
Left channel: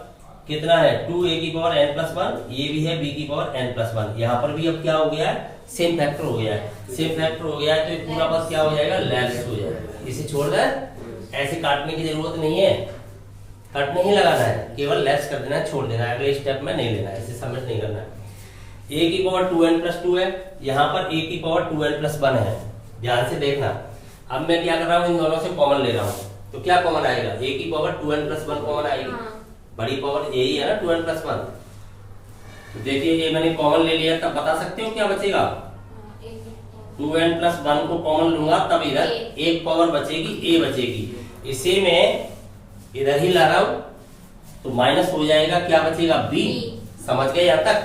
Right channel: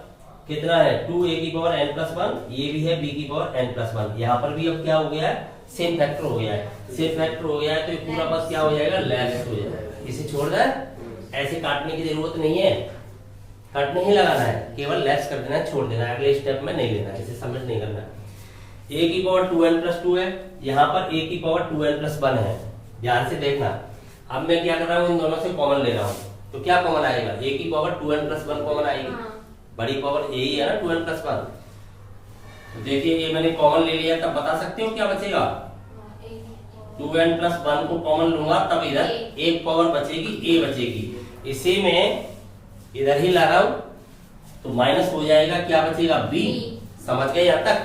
कितना है? 2a की पावर n+1, ये भी है b की पावर n+1। यहाँ पर भी अब क्या हो गया है? सेम फैक्टर हो गया है। सेम फैक्टर हो गया है तो ये पूरा पद क्या हो जाएगा? लेस हो जाएगा। इसे छोड़ दें, ऐसे काटने की जरूरत नहीं है, कट नहीं लगाना है, केवल लेस कर देना है, छोड़ देना है, अगले स्टेप में नहीं लेना है, इसे सबमिट नहीं करना है। a की पावर 2n+2 है, यहाँ पर a की पावर 2n+1 है। ध्यान से देखना। अब मैं क्या कर रहा हूँ? इन दोनों से कॉमन ले रहा हूँ, तो क्या कॉमन आएगा? a की पावर 2n+1 कॉमन आएगी। बड़ी पावर यही है ना 2n+1। तो देखिए ये मैंने कॉमन ले लिया, तब बता सकते हो क्या बचेगा? 2n+1 को कॉमन लूंगा तब इधर एक पावर बचेगी, a बचेगी। इसे मैं इधर ही ला रहा हूं तो माइनस हो जाएगा, क्या बचेगा? b। समझ गए यहाँ तक?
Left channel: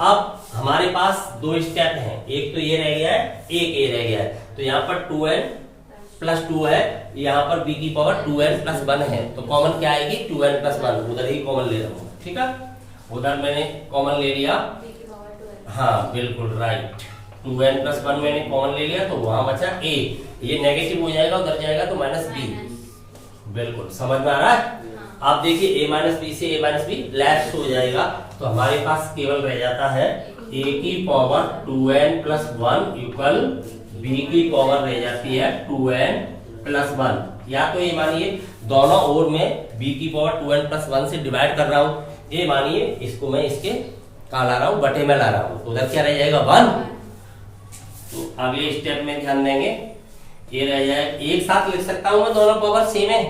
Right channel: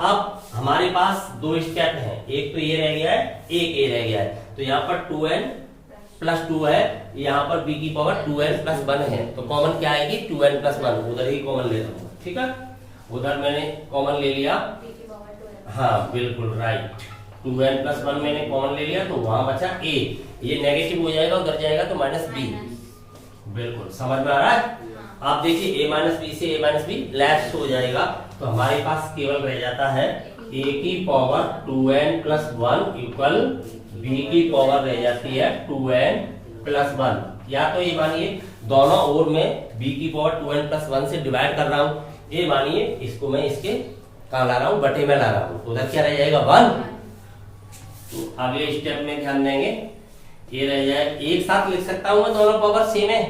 अब हमारे पास दो स्टेप हैं, एक तो ये रह गया है, एक ये रह गया है। तो यहाँ पर 2n+2 है, यहाँ पर b की पावर 2n+1 है, तो कॉमन क्या आएगी? 2n+1। उधर ही कॉमन ले रहा हूँ। ठीक है? उधर मैंने कॉमन ले लिया। हाँ बिल्कुल राइट। 2n प्लस 1 मैंने कॉमन ले लिया तो वहां बचा a, ये नेगेटिव हो जाएगा उधर जाएगा तो माइनस b। बिल्कुल समझ में आ रहा है। आप देखिए a माइनस बी से a माइनस बी लेफ्ट हो जाएगा तो हमारे पास केवल रह जाता है a की power 2n plus 1 equal b की पावर रह जाती है 2n प्लस 1। या तो ये मानिए दोनों ओर में b की पावर 2n प्लस 1 से डिवाइड कर रहा हूं, ये मानिए इसको मैं इसके कहा ला रहा हूं, बटे में ला रहा हूं, उधर क्या रह जाएगा 1। तो अगले स्टेप में ध्यान देंगे, ये रह जाए एक साथ लिख सकता हूं मैं दोनों पावर सेम है,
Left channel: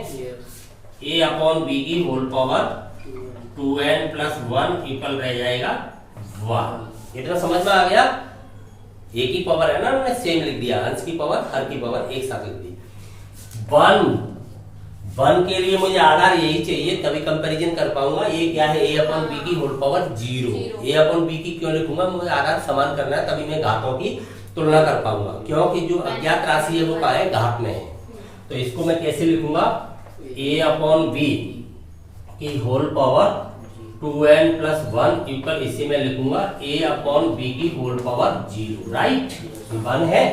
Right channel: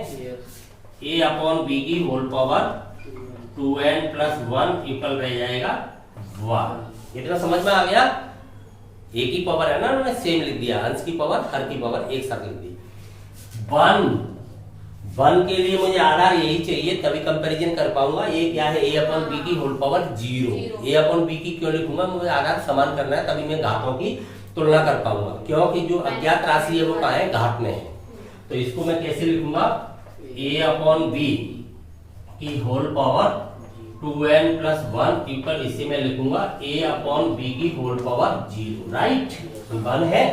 a अपॉन b की whole power 2n plus 1 equal रह जाएगा 1। इतना समझ में आ गया। a की पावर है ना, मैंने सेम लिख दिया, अंश की पावर हर की पावर एक साथ लिख दी। 1 के लिए मुझे आधार यही चाहिए तभी कंपैरिजन कर पाऊंगा। ये क्या है a अपॉन b की whole power 0। a upon b की क्यों लिखूंगा, मुझे आधार समान करना है तभी मैं घातों की तुलना कर पाऊंगा, क्योंकि जो अज्ञात राशि है वो कहाँ है, घात में है। तो इसको मैं कैसे लिखूंगा, a अपॉन b की whole power 2n plus 1 equal, इसे मैं लिखूंगा a अपॉन b की होल पावर 0। राइट, 1 है,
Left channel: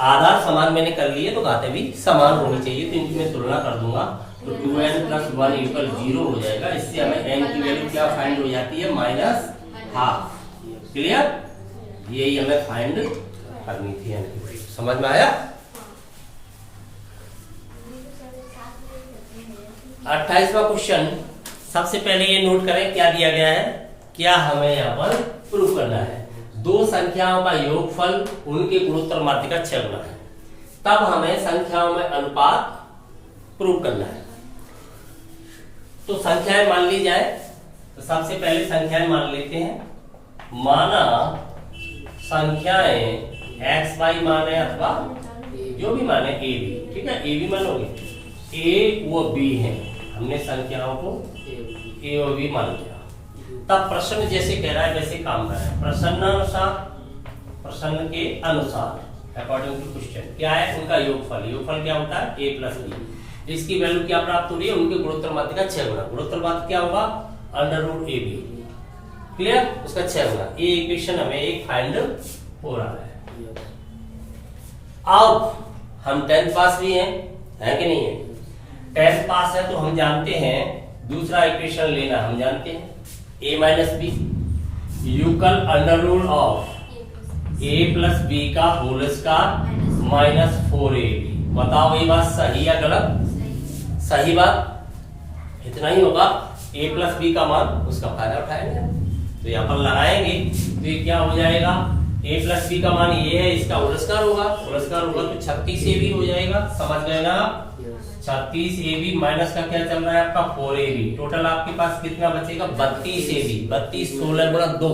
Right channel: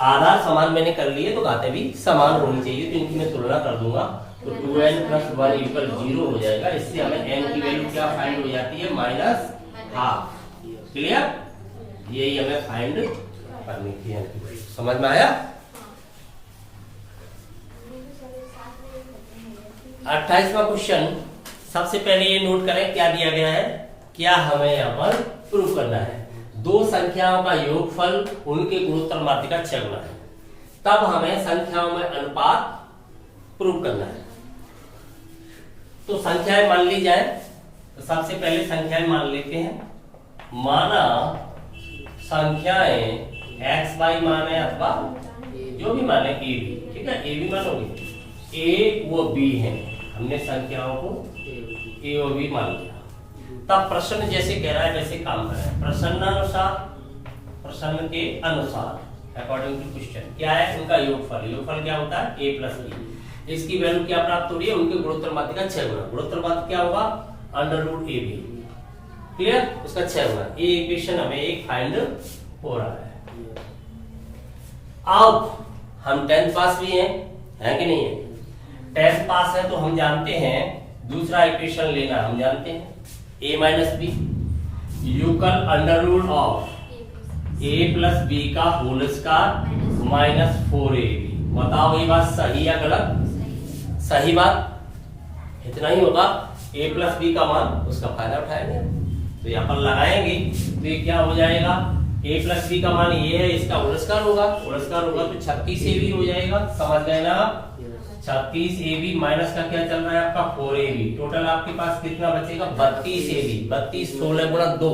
आधार समान मैंने कर लिए तो घातें भी समान होनी चाहिए, तो इनकी मैं तुलना कर दूंगा तो 2n प्लस 1 इक्वल 0 हो जाएगा। इससे हमें n की वैल्यू क्या फाइंड हो जाती है, -12। क्लियर, यही हमें फाइंड करनी थी n की वैल्यू। समझ में आया। 28वां क्वेश्चन, सबसे पहले ये नोट करें क्या दिया गया है, क्या हमें यहाँ पर प्रूव करना है, दो संख्याओं का योगफल उनके गुणोत्तर माध्य का छह गुना है, तब हमें संख्याओं में अनुपात प्रूव करना है। तो संख्याएं मान ली जाए, तो सबसे पहले संख्याएं मान लेते हैं। माना संख्याएं x y माने अथवा जो भी माने a b, ठीक है, a b मानोगे, a वो b है, हमने संख्याओं को a और b मान लिया। तब प्रश्न जैसे कह रहा है वैसे काम कर रहा है, प्रश्न के अनुसार अकॉर्डिंग टू क्वेश्चन क्या है, उनका योगफल। योगफल क्या होता है, a प्लस b। इसकी वैल्यू क्या प्राप्त हो रही है, उनके गुणोत्तर माध्य का 6 गुना। गुणोत्तर माध्य क्या होगा, √ab। क्लियर, उसका 6 गुना। ये इक्वेशन हमें एक फाइंड हो रहा है। अब हम 10th पास भी हैं, है कि नहीं है, 10th पास है तो हम जानते हैं दूसरा इक्वेशन लेना, हम जानते हैं a minus B equal under of a plus B का होल स्क्वायर माइनस 4ab। बताओ ये बात सही या गलत, सही बात, इतना ही होगा। a प्लस बी का मान, उसका फायदा उठाएंगे, तो यहाँ पर लगाएंगे तो ये क्या हो जाएगा, a प्लस बी का मान ये है, इसका होल स्क्वायर होगा, होल स्क्वायर होगा तो 36ab हो जाएगा। समझ गए ना, 36ab माइनस का क्या चल रहा है आपका 4ab, टोटल आपके पास कितना बचेगा 32ab। 32 16 गुणा 2,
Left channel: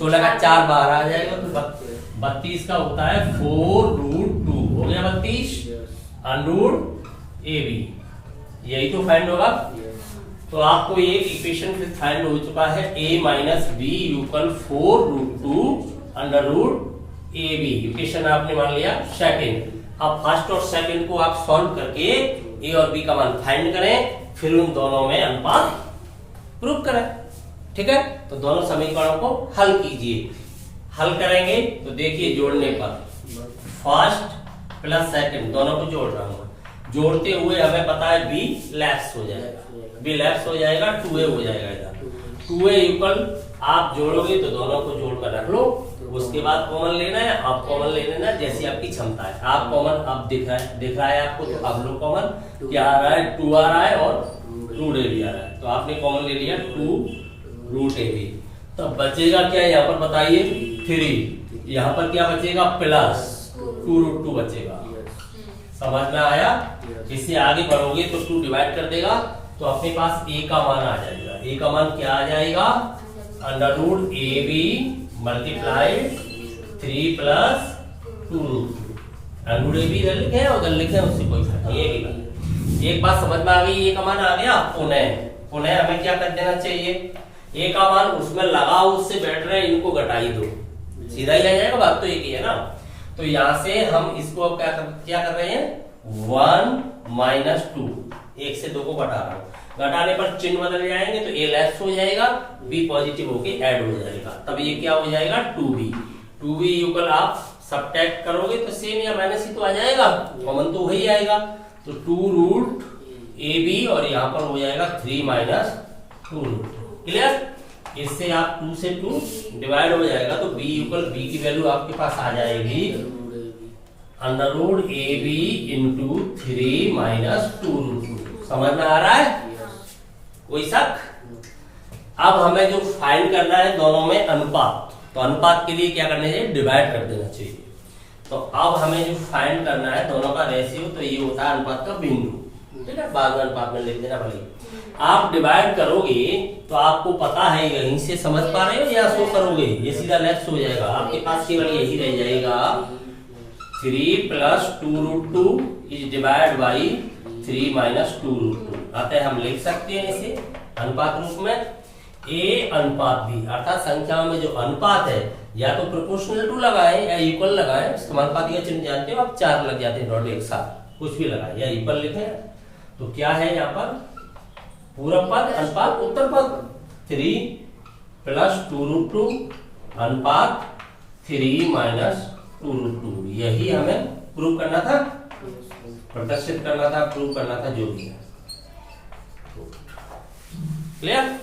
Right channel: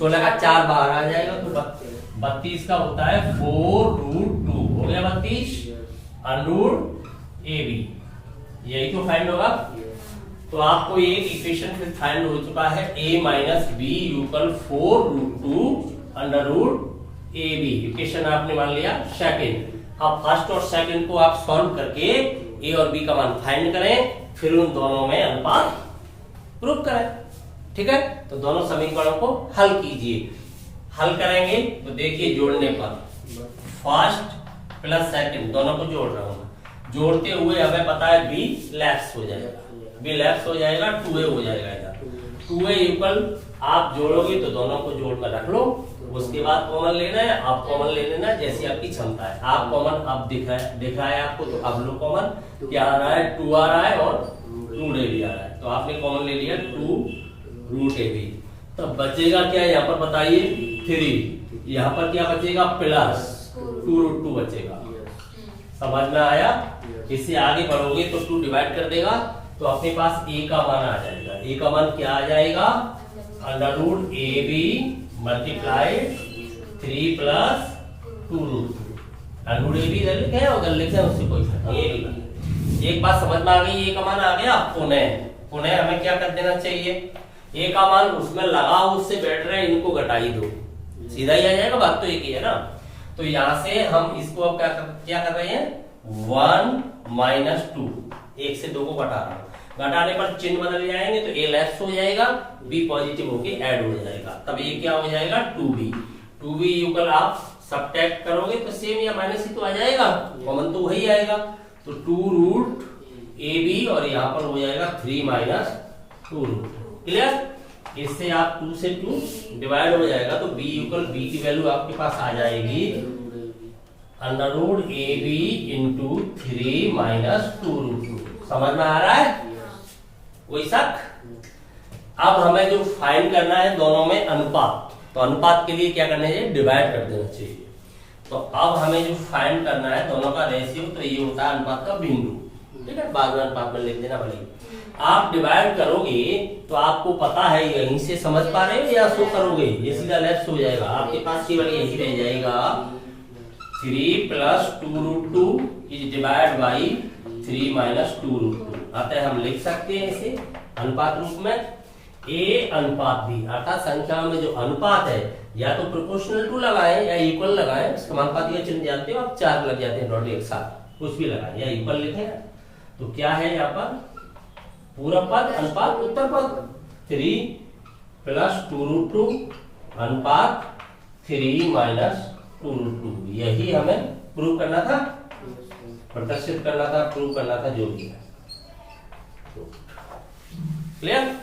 16 का 4 बाहर आ जाएगा तो 32 का होता है 4√2, हो गया 32 √ab, यही तो फाइंड होगा। तो आपको ये इक्वेशन फिर फाइंड हो चुका है, a minus B equal 4√2 √ab। Equation आपने मान लिया सेकंड। अब फर्स्ट और सेकंड को आप सॉल्व करके a और b का मान फाइंड करें, फिर उन दोनों में अनुपात प्रूव करें, ठीक है। तो दोनों समीकरणों को हल कीजिए। हल करेंगे तो देखिए जोड़ने पर फर्स्ट प्लस सेकंड दोनों को जोड़ रहा हूं, जोड़ते हुए हमें पता है b लैप्स हो जाएगा, b लैप्स हो जाएगा, 2a हो जाएगा। 2a इक्वल आप जोड़ोगे तो दोनों को जोड़ कर रख लो, उसके बाद कॉमन लेना है, आप कॉमन ले लेना जैसी आपकी क्षमता है। आप कॉमन अब दिख रहा है आपको, तो अब लो कॉमन, क्या आ रहा है 2 आ रहा है और √ab आ रहा है, तो आपने कॉमन ले लिया 2√ab। तो बचेगा क्या यहाँ पर बताइए 3, यहाँ पर क्या बचेगा प्लस 2√2 बचेगा। समझ में आया। इससे आगे बढ़ोगे तो 2 डिवाइड कर देगा तो अपने पास a का मान आ जाएगा। a का मान क्या आ जाएगा, √ab मल्टीप्लाइड 3 प्लस 2√2। √ab इधर लिखे हैं उधर लिखे हैं, उससे कोई फर्क नहीं। एक बात समझ में आ गई, a का मान आ गया। पुनः हमें क्या कर देना चाहिए, a का मान उसमें लगाओ, उससे बैठ रहे इनको घटाई दो, सीधा ही आ जाएगा, बात तो एक ही है ना। तो यहां से हम इसको क्या कर रहे हैं 1 माइनस 2, 1 से 2 को घटा रहा हूं, घटाने पर चिन्ह बदल जाएंगे तो a लेस हो जाएगा, b पॉजिटिव होके ऐड हो जाएगा, तब ये क्या हो जाएगा 2b। 2b इक्वल आप सब्ट्रैक्ट करोगे तो सेम या माइनस ही तो आ जाएगा, कॉमन तो वही आएगा। तो 2 रूट AB और यहाँ पर हो जाएगा 3 माइनस 2 रूट। क्लियर? इससे आप 2 से 2 डिवाइड हो जाएगा तो b इक्वल b की वैल्यू आपके पास आ जाएगी under root AB into 3 minus 2 root 2। समझ में आ रहा है? कोई शक? अब हमें जो फाइंड करना है दोनों में अनुपात, तो अनुपात के लिए क्या करना चाहिए? डिवाइड कर देना चाहिए। तो अब हमें जो फाइंड करना है दोनों का रेशियो, तो ये होता है अनुपात का बिंदु। ठीक है, बाद में अनुपात में लिख देना भले। आप डिवाइड करोगे तो आपको पता है, यहीं से समझ पा रहे हो या शो करोगे? ये सीधा लेफ्ट हो जाएगा, आपके पास केवल यही रह जाएगा 3 plus 2 root 2 is divide by 3 minus 2 root 2। अतः हम लिख सकते हैं इसे अनुपात रूप में a अनुपात b, अर्थात संख्याओं में जो अनुपात है या तो प्रोपोर्शनल टू लगाएं या इक्वल लगाएं। समानुपाती का चिन्ह जानते हो आप, 4 लग जाते हैं डॉट एक साथ, कुछ भी लगाएं या इक्वल लिखें। तो क्या है यहाँ पर? पूरक पद अनुपात उत्तर पद 3 प्लस 2 रूट 2 अनुपात 3 माइनस 2 रूट 2। यही हमें प्रूव करना था, प्रदर्शित करना था, प्रूव करना था, जो भी है। क्लियर?